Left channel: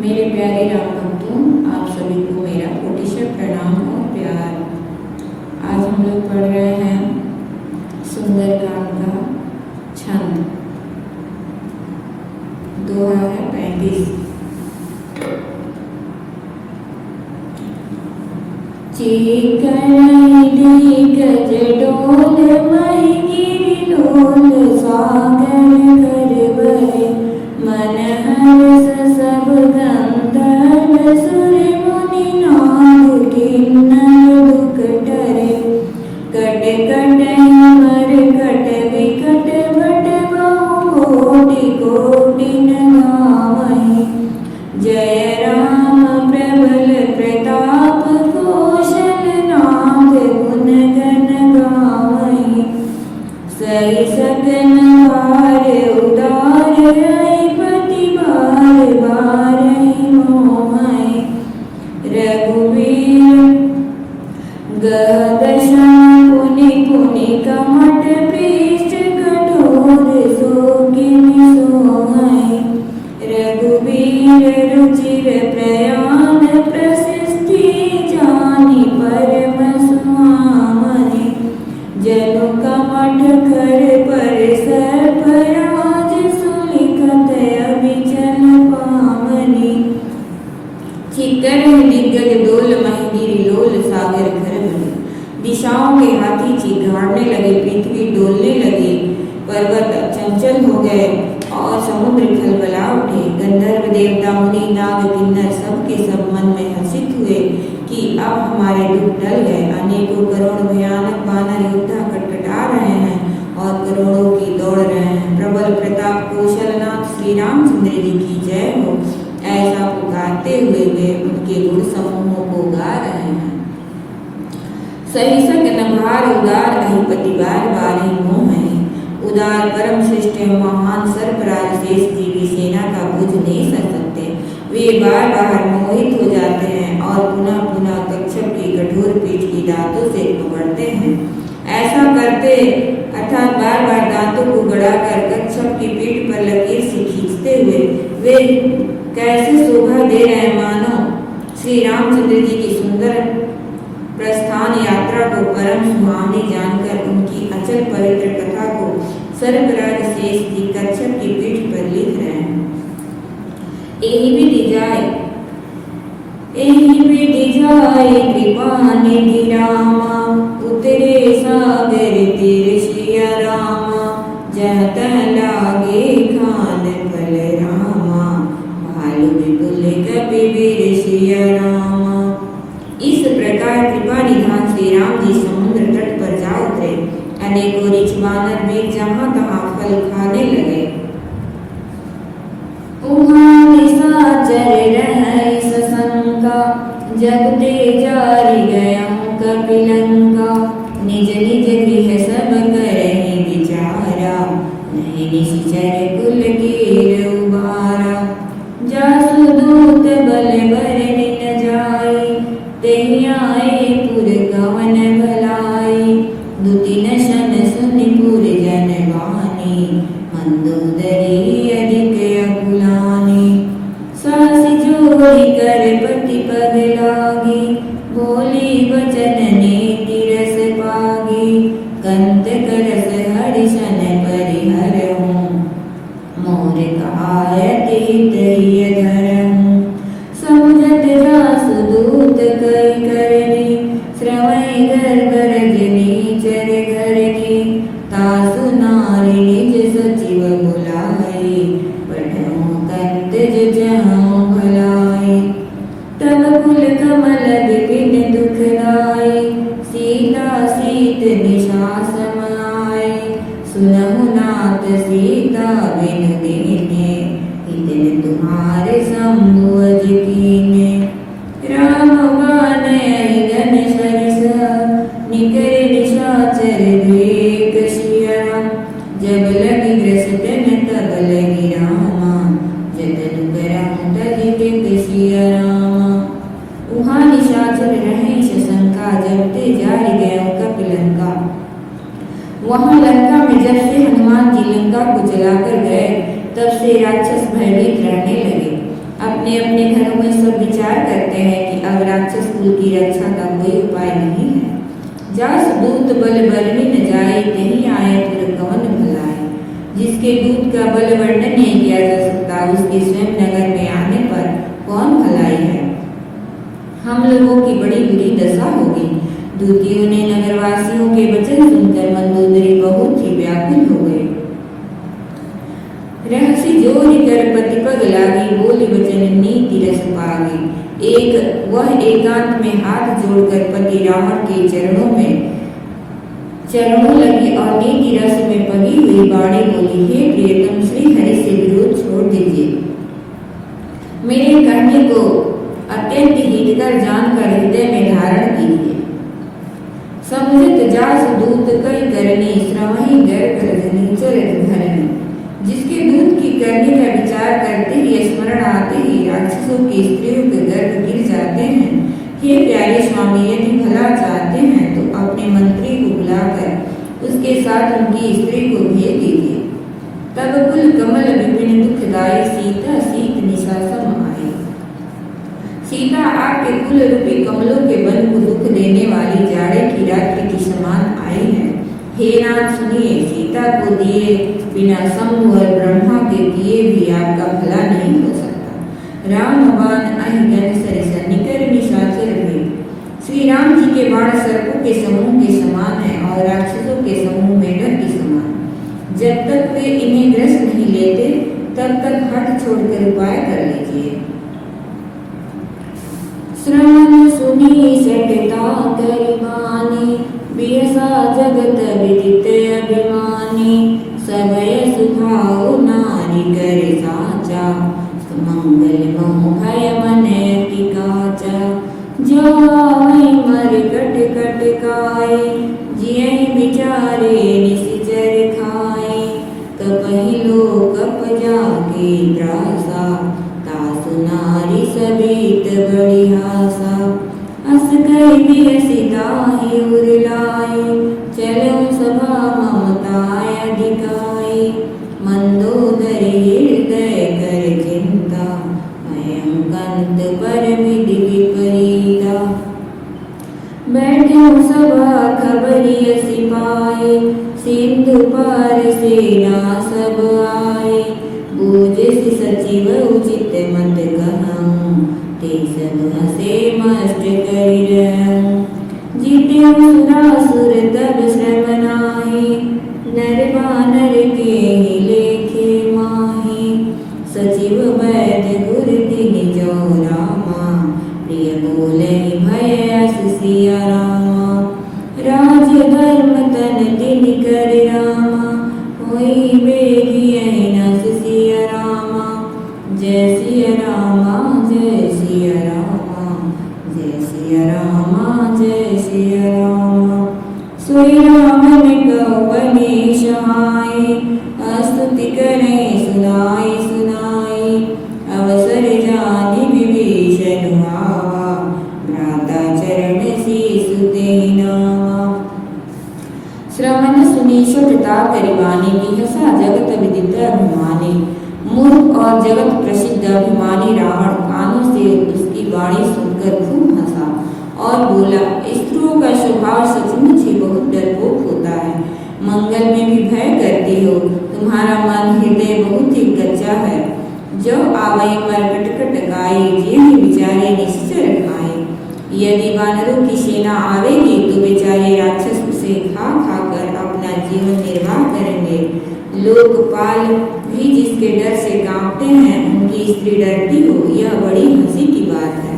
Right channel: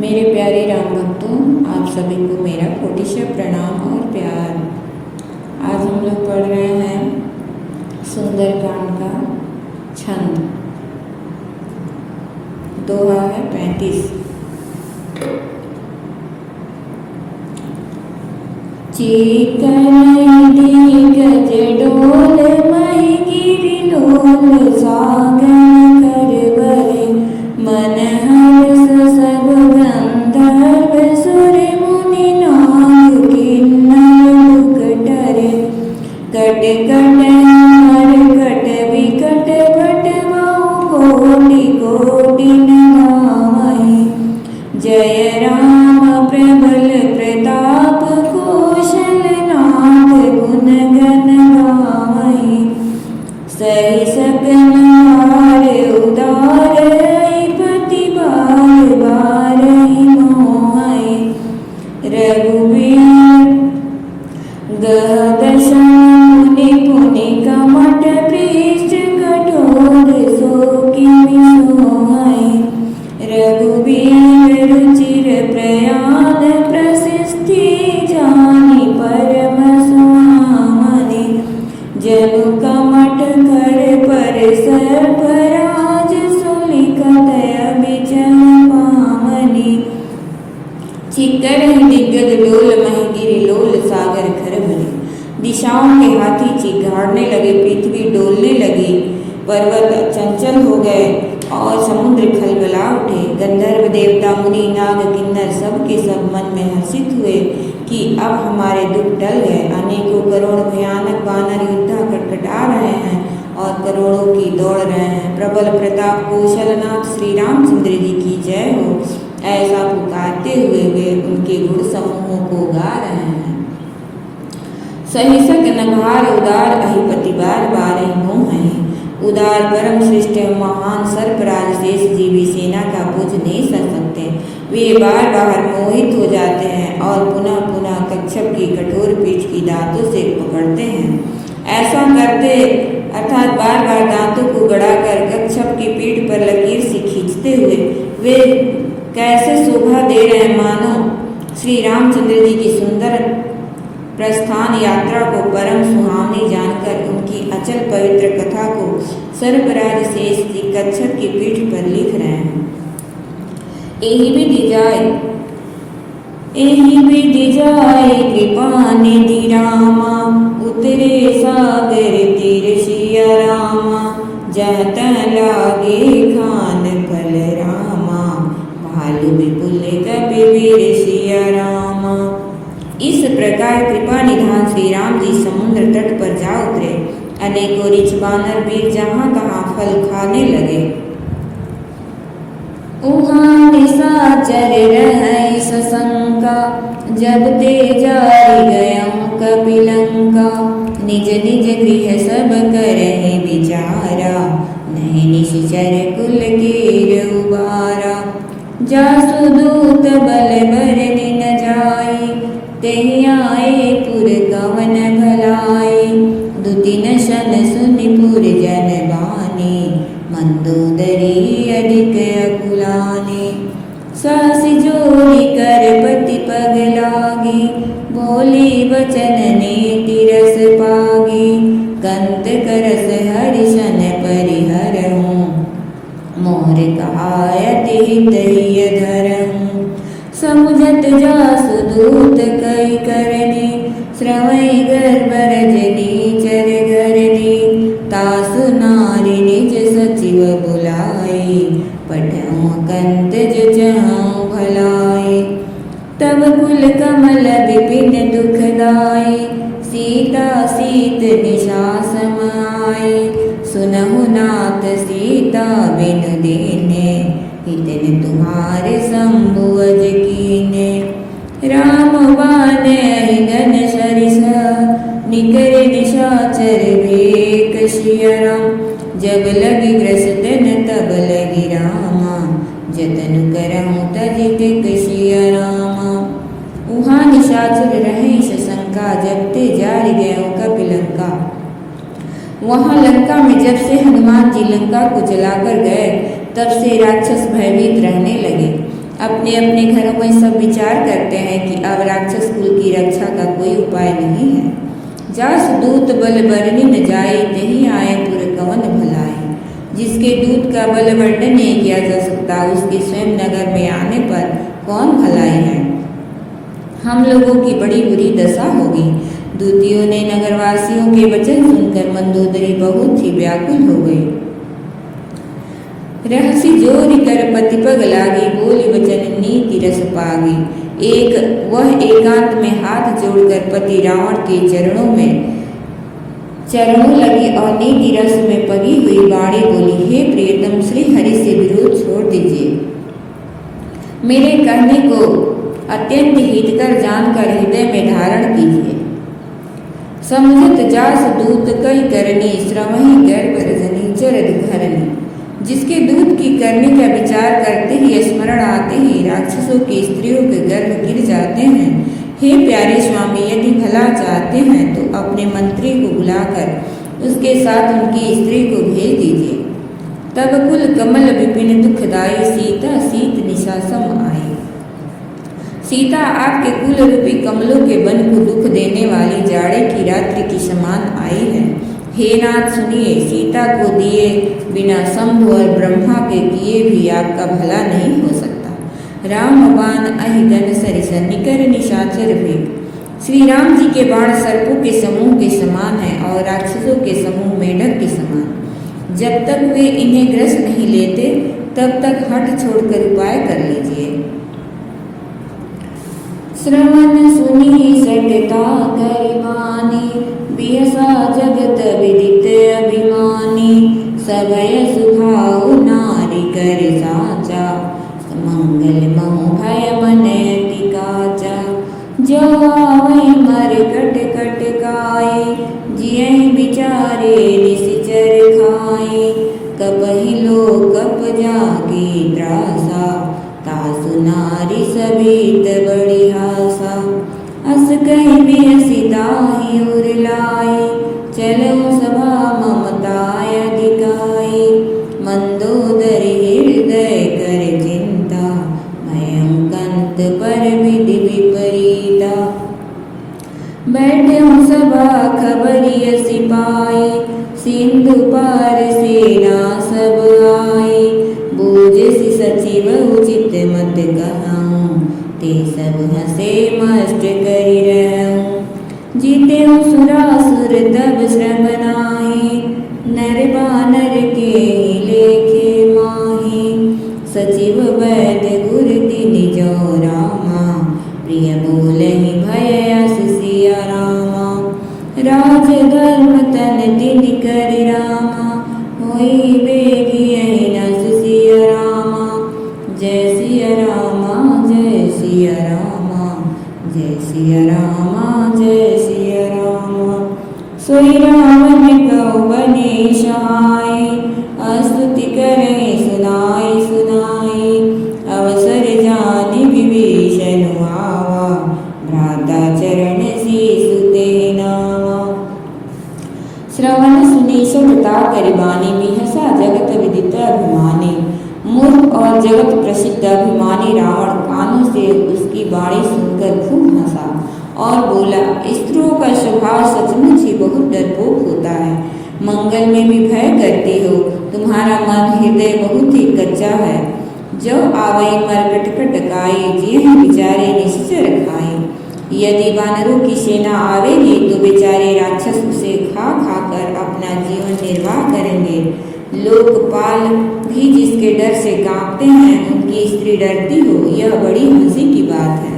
मेरे प्यारे राम भक्तों, आप सभी को मेरा कोटिशय प्रणाम और प्यार। आज हम लोग पढ़ रहे हैं सुंदरकांड का छंद। दोहा है 35। चेतन गज डोल मही गिरि लोल सागर कर मन हर्ष सब गंधर्व सुर मुनि नाग किन्नर दुख टरे कट कट अमर कट विकट भट बहु कोटि कोटि नगावहि जय राम प्रबल प्रताप कौशल नाथ गुण गण गावहि सही सकन हार उदार पति बार बार मोहि रघुवीर गदशा पुनि पुनि कमट पृष्ठ कठोर सो किमि सोहि रघुवीर रुचिर प्रयाण प्रशस्ति जानि परम स्वामनि जनु कमट कर पर सर्पराज सुलिखत अभिचल पावनि चिक्कर दिग्गज लोल महिगिरि लोल सागर खरबनि दिशाओं के हाथी चिघाड़ने लगे, पृथ्वी डोलने लगी, पर्वत चंचल हो गए और समुद्र खलबला उठे। गंधर्व देवता मुनि नाग किन्नर सब के सब मन में हर्षित हुए कि अब हमारे दुख टल गए। अनेकों करोड़ भयानक वानर युद्ध खटखटा रहे हैं और करोड़ों की दौड़ रहे हैं। प्रबल प्रताप कौशलनाथ श्री रामचंद्र जी की जय हो, ऐसा पुकारते हुए वे उनके गुण समूहों को गा रहे हैं। सहिसक नभार उदार अहिपति बार बार ही मोह है उदार परम श्रेष्ठ महान सर्पराज शेष जीवी सेना का बुझ नहीं सक सकते। वे बार बार मोहित हो जाते हैं और पुनः पुनः कच्छप की कठोर पीठ की दांतों से पकड़ते हैं। ऐसा करते अर्थात बार बार दांतों को गड़ाकर कच्छप की पीठ पर लकीर से खींचते हुए वे कैसे शोभा दे रहे हैं, मानो श्री रामचंद्र जी की सुंदर प्रस्थान यात्रा को परम सुहावनी जानकर उनकी अचल पवित्र कथा को सर्पराज शेष जी कच्छप की पीठ पर लिख रहे हैं। एहि विधि जाय कृपा निधि रामा उतरे सागर तीर सिया रामा जहाँ तह लागे खान फल रामा भालु विपुल कपिवीर सिया रामा। इस प्रकार कृपा निधान श्री राम जी समुद्र तट पर जा उतरे। अनेकों ऋच वानर वीर जहाँ तहाँ फल खाने लगे। उहाँ निशाचर रहै सशंका जब ते जारि गयं कपिलंका निज निज गृह सब करहि विचारा नहीं निशिचर कुल कीर उबारा जासु दूत बल बरनि न जाई तेहि आए पुर कवन भलाई दुतिन शन सुनि पुर जन लानी मंदोदरी अधिक अकुलानी सासी जोड़ी कर पति पग लागी बोली वचन नीति रस पागी कंत करस हरिशन परिहरहूँ मोर कहायत हितैय धरहूँ समुझत जासु दूत कई करनी श्रवै गर्भ रजनी चर घरनी तासु नारी निज सचिव बुलाई पठऊँ कंत जहऊँ भलाई तब कुल कमल विपिन दुखदाई सीता सीत निशा समाए सुनहु नाथ सीता बिनु दीने इतने तुम्हारे शंभु अज कीने राम बाण गन सरिसा निकर निशाचर भेक सिया जब लगी ग्रसतन तब लगी रामा जतन करहूँ तजिक कसिया रामा। उहाँ निशाचर रहे शशंका जब ते जारि गए कपिलंका। वहाँ लंका में जब से हनुमान जी लंका को जलाकर गए तब से राक्षस भयभीत रहने लगे। अपने अपने घरों में सब विचार करते हैं कि अब राक्षस कुल की रक्षा का कोई उपाय नहीं है। जास दूत बल बरनी न जाए, नहीं आए पुर कवन भलाए। जिसके दूत का बल वर्णन नहीं किया जा सकता, उसके स्वयं नगर में आने पर कौन भलाई है। हम लोगों की बड़ी बुरी दशा होगी। दूतियों ने नगरवासियों के वचन सुनकर मंदोदरी बहुत ही व्याकुल हो गई। रहसी जोरी कर पति पग लागी, बोली वचन नीति रस पागी। वह एकांत में हाथ जोड़कर पति रावण के चरणों लगी और नीति रस में पगी हुई बाणी बोली, हे प्रियतम, श्री हरि से विरोध छोड़ दीजिए। मेरे कहने को अत्यंत हितकर जानकर हृदय में धारण कीजिए। समझत जास दूत कई करनी, श्रवहि गर्भ रजनी चरद घरनी। जिसके दूत की करने का विचार करते ही, स्मरण आते ही राक्षसों की स्त्रियों के गर्भ गिर जाते हैं। हे प्यारे स्वामी, यदि भला चाहते हैं तो अपने मंत्री को बुलाकर उसके साथ उनकी स्त्री को भेज दीजिए। तब कुल कमल विपिन दुखदाई, सीता सीत निशा सम आई। सीता आपके कुल रूपी कमलों के वन को दुख देने वाली जाड़े की रात्रि की समान आई है। हे नाथ सुनिए, सीता को दिए बिना शंभु और ब्रह्मा के किए भी आपका भला नहीं हो सकता। राम बाण अहिगन सरिसन निकर निशाचर भेद। श्री राम जी के बाण सर्पों के समूह के समान है और राक्षसों के समूह मेढक के समान। जब तक वे इन्हें ग्रस नहीं लेते तब तक हट छोड़कर उपाय कर लीजिए। श्रवण सुनी सटता गरिमानी, बियसा जगत विदित अभिमानी। सबय सुभाव नारी कर साचा, मंगल मोहय मन अति काचा। जो आवै मर कट कट काई, जियहि विचारे निश्चर खाई। कपहि लोकप जाके त्रासा, तासु नारी सबित बड़ी हासा। अस कह बियसिताहि उरलाई, चलो सभा ममताय अधिकाई। मंदोदरी हृदय कर चिंता, मयं कंत पर विधि विपरीता। बैठे सभा खबरिय सिपाही, सिंधु पार सेना सब आई। बूझसि सचिव उचित मत कहूँ, ते सब हसे मस्त करि रहूँ। जीते सुरासुर तब श्रम नाहि, नर बानर के लेखे माहि। सचिव वैद्य गुर तिनि जो रामा, प्रिय बोलहि भय अस सिया रामा। राज धर्म तन तिनि कर रामा, होई बेगियहि न सुसिया रामा। जय सिया रामा जय सिया रामा, जय सिया रामा जय सिया रामा। सोई रावण कहो बने सहाय, स्तुति करें सुनाई सुनाई। अवसर जानि विभीषण आवा, भ्राता चरण शीसु तेहि नावा। श्रवण सुनी सतता करिबानी, बिहसा जगत विदित अभिमानी। मूर्ख और जगत प्रसिद्ध अभिमानी रावण कानों से उसकी वाणी सुनकर खूब हंसा और बोला, स्त्रियों का स्वभाव सचमुच ही बहुत डरपोक होता है। मंगल में भी भय करती हो, तुम्हारा मन हृदय बहुत ही कच्चा है। जो आवै मरकट कटकाई, जिह विचारे निश्चर खाई। यदि वानरों की सेना आवेगी तो बेचारे राक्षस उसे खा खाकर अपना जीवन निर्वाह करेंगे। लोकपाल भी जिसके डर से कांपते हैं, उनकी स्त्री डरती हो, यह बड़ी हंसी की बात है।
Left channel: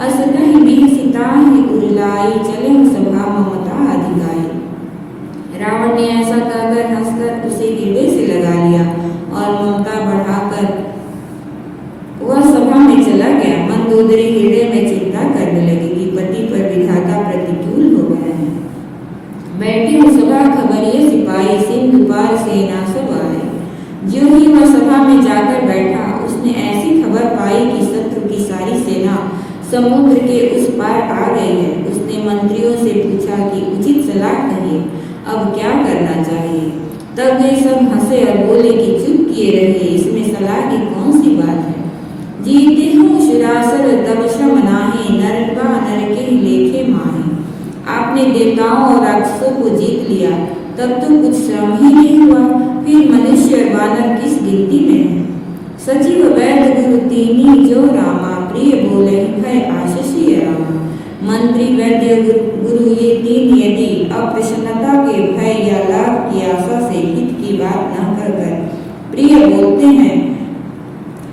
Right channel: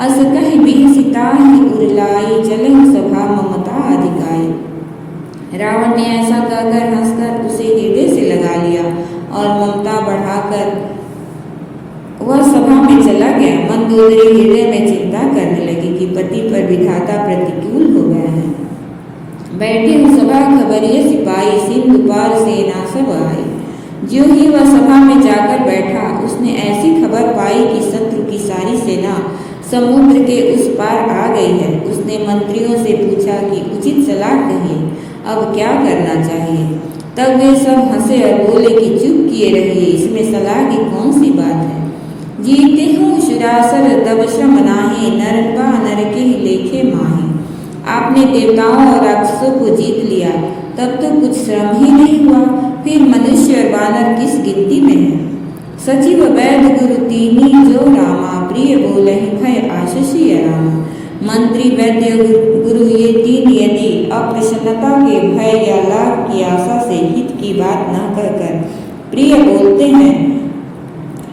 अस कहि बिहसिताहि उरलाई, चलहु सभा ममता अधिकाई। रावण ने ऐसा कहकर हंसकर उसे हृदय से लगा लिया और ममता बढ़ाकर वह सभा में चला गया। मंदोदरी हृदय में चिंता करने लगी कि पति पर विधाता प्रतिकूल हो गए हैं। बैठे सभा खबरिय सिपाही, सिंधु पार सेना सब आए। ज्यों ही वह सभा में जाकर बैठा, उसने ऐसी खबर पाई कि शत्रु की सारी सेना समुद्र के उस पार आ गई है। उसने मंत्रियों से पूछा कि उचित सलाह कहिए, अब क्या करना चाहिए। तब वे सब हंसे और बोले कि चुप किए रहिए, इसमें सलाह की कौन सी बात है। तब श्रम नाहि, नर का नर के लेखे माहि। आपने देवताओं और राक्षसों को जीत लिया, तब तो कुछ श्रम ही नहीं हुआ, फिर मनुष्य और वानर किस गिनती में है। सचिव वैद गुरु तीनी जो रामा, प्रिय बोलहि भय आशीषी रामा। मंत्री वैद्य गुरु ये तीन यदि अप्रसन्नता के भय या लाभ की आशा से हित की बात न कर कर प्रिय बोलते हैं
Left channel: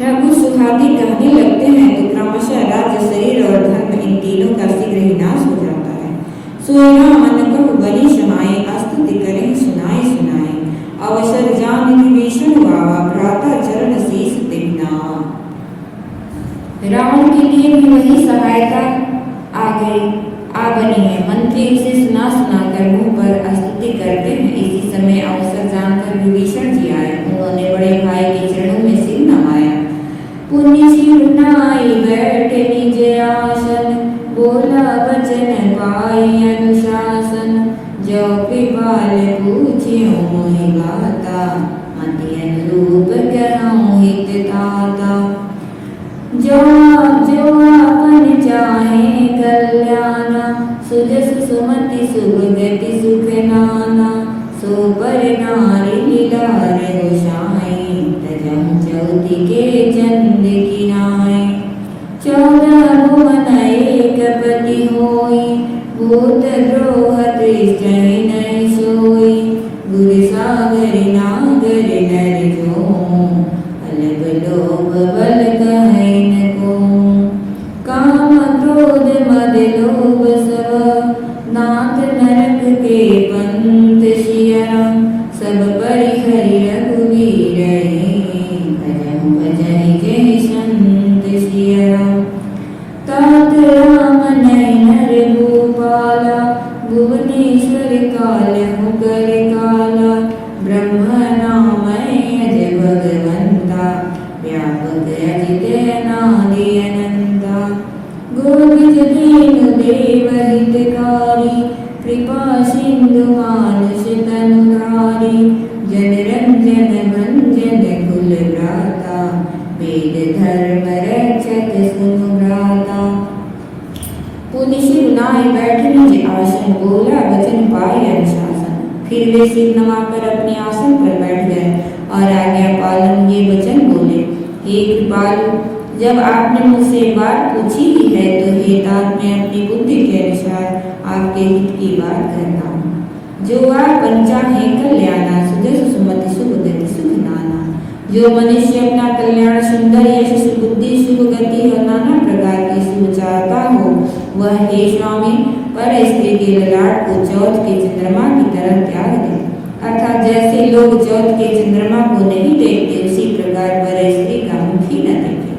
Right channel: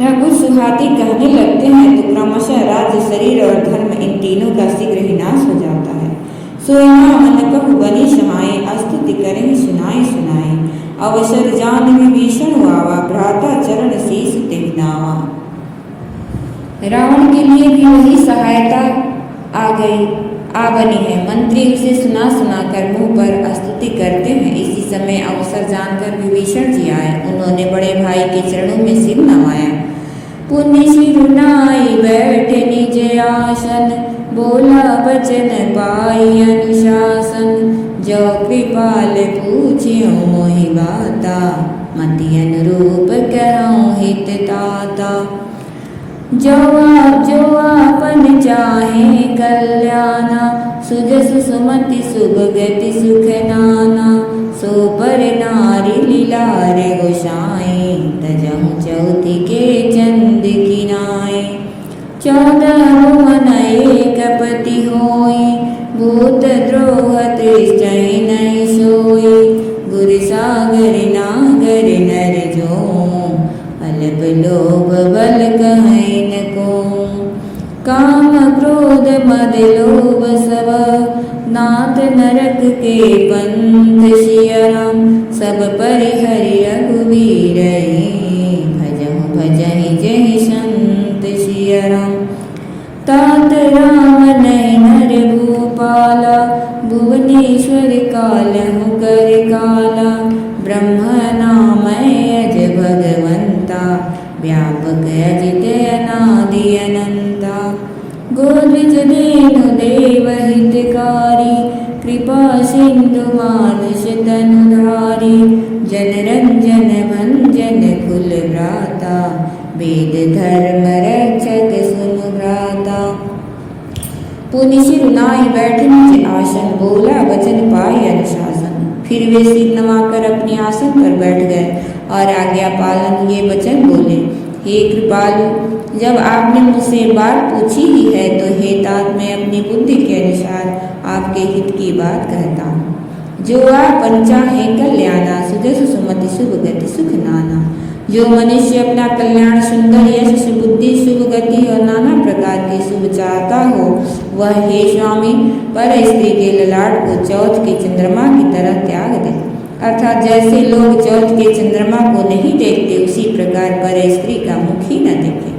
या कुछ सुहाती कहने लगते हैं, तो क्रमशः राज्य, शरीर और धर्म इन तीनों का शीघ्र ही नाश हो जाता है। सोना मन कहु बनी समाये, स्तुति करें सुनाए सुनाए। अवसर जान विभीषण आवा, भ्राता चरण शीस तिह नावा। रावण के लिए भी वही सहायता आ बनी है। मंत्री उसे सुना सुना कर मुंह पर स्तुति करते हैं। इसी समय अवसर जानकर विभीषण जी आए। उन्होंने बड़े भाई के चरणों में सिर नवाया। पुण्य शिरुनाई बैठे निज आसन, बोला वचन पाई अनुशासन। जो कृपाल पूछ्यो मोहि गाता, मति अनुरूप कहूँ हित ताता। जो आपन चाहे कल्याणा, सुजस सुमति सुभगति सुख नाना। सो पर नारी लीलार गोसाई, तजहु चौथी के चंद किनाए। 14 भुवन एक पति होई, भूत द्रोह त्रिजय नहीं सोई। गुर सागर नागर नर जो, अलग लोभ बल कहीं न को। काम क्रोध मद लोभ सब, नाथ नरक के पंथ सियरम। सब परिहरि रघुवीर, भजहु भजहि जहि संत सियरम। तात राम नहीं नर भूपाला, भुवनेश्वर कालहु कर काला। ब्रह्म नाम अज भगवंता, व्यापक अजित अनादि अनंता। गोद्विज देनु देव हितकारी, कृपा सिंधु मानुष तनुधारी। जन रंजन भंजन कुल भ्राता, वेद धर्म रक्षक सुनु भ्राता। पुनि शिरुनाई बैठे निज आसन, बोला वचन पाई अनुशासन। फिर वे सिर नवाकर अपने आसन पर बैठ गए और आज्ञा पालन ये वचन बोले। हे कृपालु, जब आपने मुझसे बात पूछी ही है, तो हे तात मैं अपनी बुद्धि के अनुसार आपके हित की बात कहता हूँ। जो आप चाहे कल्याणा, सुजस सुमति शुभ गति सुख नाना। जो मनुष्य अपना कल्याण, सुंदर यश, सुबुद्धि, शुभ गति और नाना प्रकार के शुभ चाहता हो, वह हे स्वामी पर स्त्री के ललाट को चौथ के चंद्रमा की तरह त्याग दे। अर्थात जैसे लोग चौथ के चंद्रमा को नहीं देखते, उसी प्रकार पर स्त्री का मुख ही न देखे।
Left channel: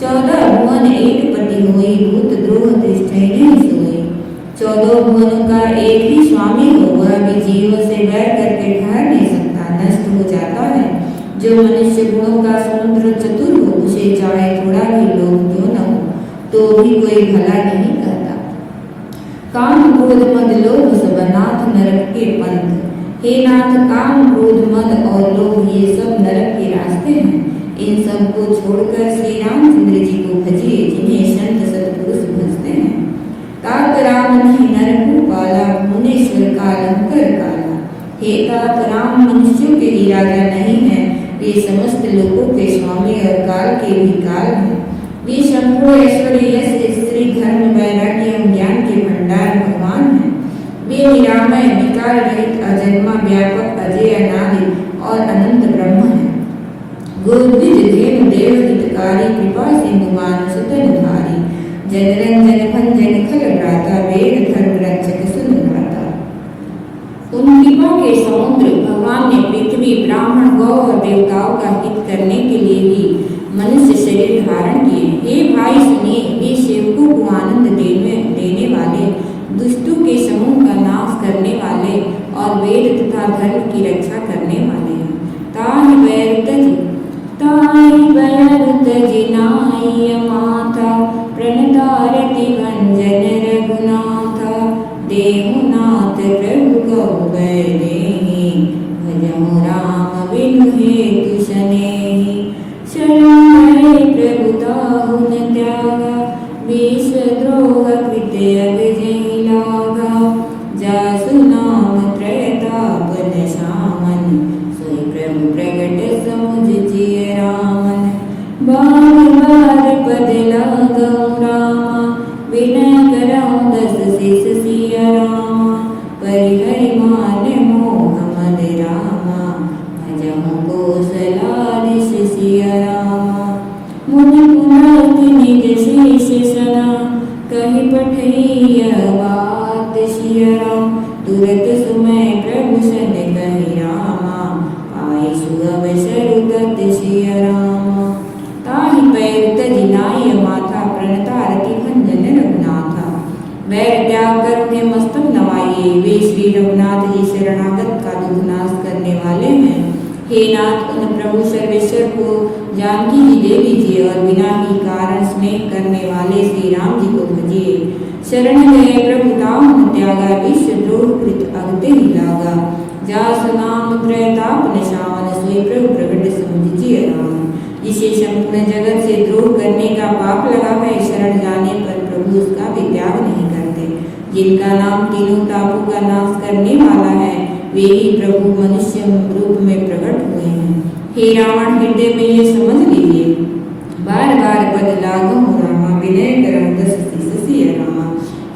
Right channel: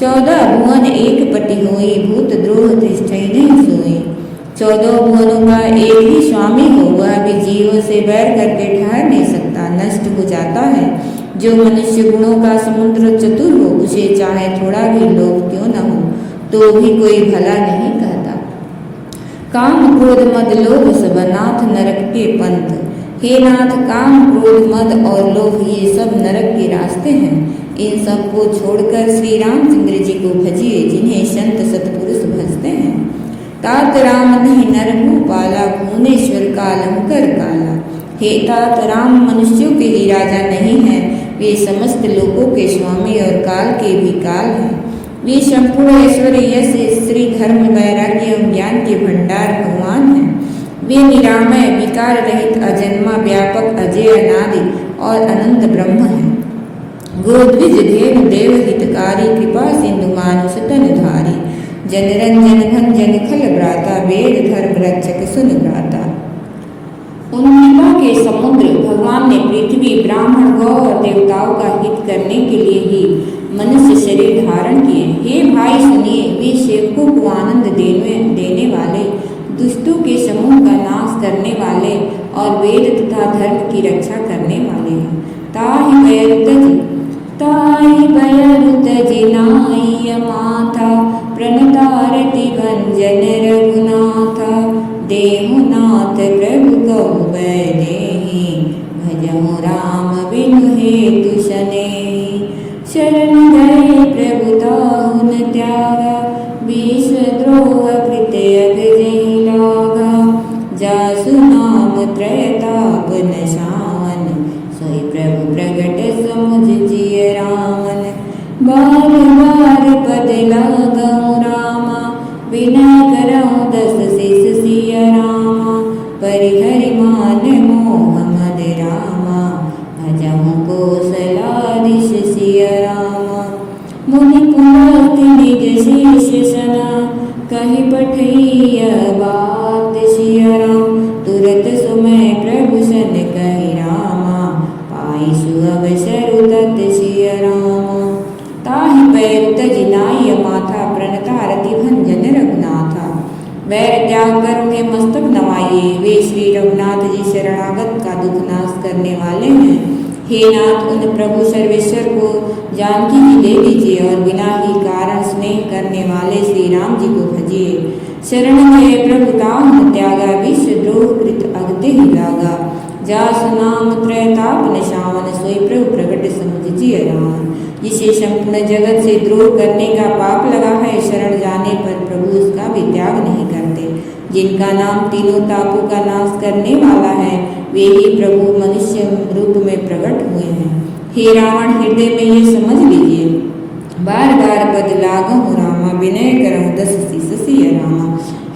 14 भुवन एक पति होई, भूत द्रोह दृष्टि नहीं सोई। 14 भुवनों का एक ही स्वामी हो, वह भी जीवों से बैर करके ठहर नहीं सकता, नष्ट हो जाता है। जो मनुष्य गुणों का समुद्र चतुर हो, उसे चाहे थोड़ा भी लोभ क्यों न हो, तो भी कोई भला नहीं कहता। काम क्रोध मद लोभ सब, नाथ नरक के पंथ। हे नाथ, काम क्रोध मद और लोभ ये सब नरक के रास्ते हैं। इन सब को छोड़कर श्री रामचंद्र जी को भजिए, जिन्हें संत सतपुरुष भजते हैं। तात राम नहीं नर भूपाला, भुवनेश्वर कालंकर काला। हे तात, राम मनुष्यों के ही राजा नहीं है, वे समस्त लोकों के स्वामी और काल के भी काल हैं। वे संपूर्ण ऐश्वर्य, यश, श्री, धर्म, वैराग्य एवं ज्ञान के भंडार भगवान हैं। वे निरामय, विकार रहित, अजन्मा, व्यापक, अजय, अनादि और अनंत ब्रह्म हैं। गोद्विज धेनु देव हितकारी, कृपा सिंधु मानुष तनुधारी। जनरंजन भंजन खल भ्राता, वेद धर्म रक्षक सुन भ्राता। उन कृपा के समुद्र भगवान ने पृथ्वी, ब्राह्मण, गौ और देवताओं का हित करने के लिए ही मनुष्य शरीर धारण किए। हे भाई सुनिए, वे सेवकों को आनंद देने वाले, दुष्टों के समूह का नाश करने वाले और वेद तथा धर्म की रक्षा करने वाले हैं। ताहि बैर तज नाई माथा, प्रणतारति भंजन रघुनाथा। देहुनाथ प्रभु कहु बैदेहि, भजहु राम बिनु हेतु सनेहि। शरण गए प्रभु ताहु न त्यागा, बार बार पद लागऊं रामा, बिना करऊं दस शीस सिया रामा। परिहरि मान मोह मद रामा, भजहु कौशलाधीश सिया रामा। मुनि पुलस्त निज शीश सना, कहि पठैया बात सिया राम। तुरत सुमय प्रभु सन कहि रामा, पाई सुअवसर तत सिया रामा। ताहि पैर तज नाई माथा, प्रणतारति भंजन रघुनाथा। वैर त्याग कर उन्हें मस्तक नवाइए, वे श्री रघुनाथ जी शरणागत का दुख नाश करने वाले हैं। हे नाथ, उन प्रभु सर्वेश्वर को जानकी जी दे दीजिए और बिना ही कारण स्नेह करने वाले श्री राम जी को भजिए। शरण गए प्रभु ताम त्यागा, विश्व द्रोह कृत अगते ही लागा। जासु नाम त्रैताप निशान, सोई प्रभु प्रगट समझिए राम। जिसे संपूर्ण जगत से द्रोह करने का पाप लगा है, शरण जाने पर प्रभु उसका भी त्याग नहीं करते। जिनका नाम तीनों तापों का नाश करने वाला है, वे ही प्रभु मनुष्य रूप में प्रकट हुए हैं। हे रावण, हृदय में ये समझ लीजिए, बार बार पद लागऊं रामा, विनय करऊं दस शीस सिया रामा।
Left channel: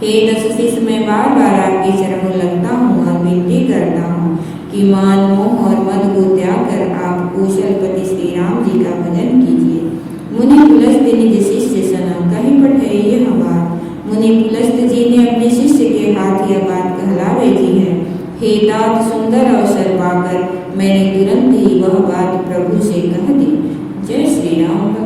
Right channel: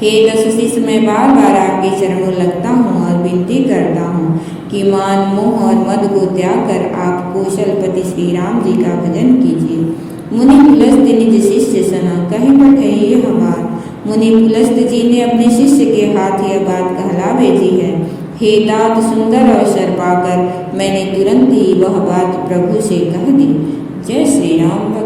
हे दस शीस, मैं बार बार आपके चरणों लगता हूँ और विनती करता हूँ कि मान मोह और मद को त्याग कर आप कौशलपति श्री राम जी का भजन कीजिए। मुनि पुलस्त निज शिष्य सना, कहीं पठे यह बात। मुनि पुलस्त जी ने अपने शिष्य के हाथ यह बात कहला भेजी है। हे तात, सुंदर अवसर पाकर मैंने तुरंत ही वह बात प्रभु से कह दी। जय श्री राम।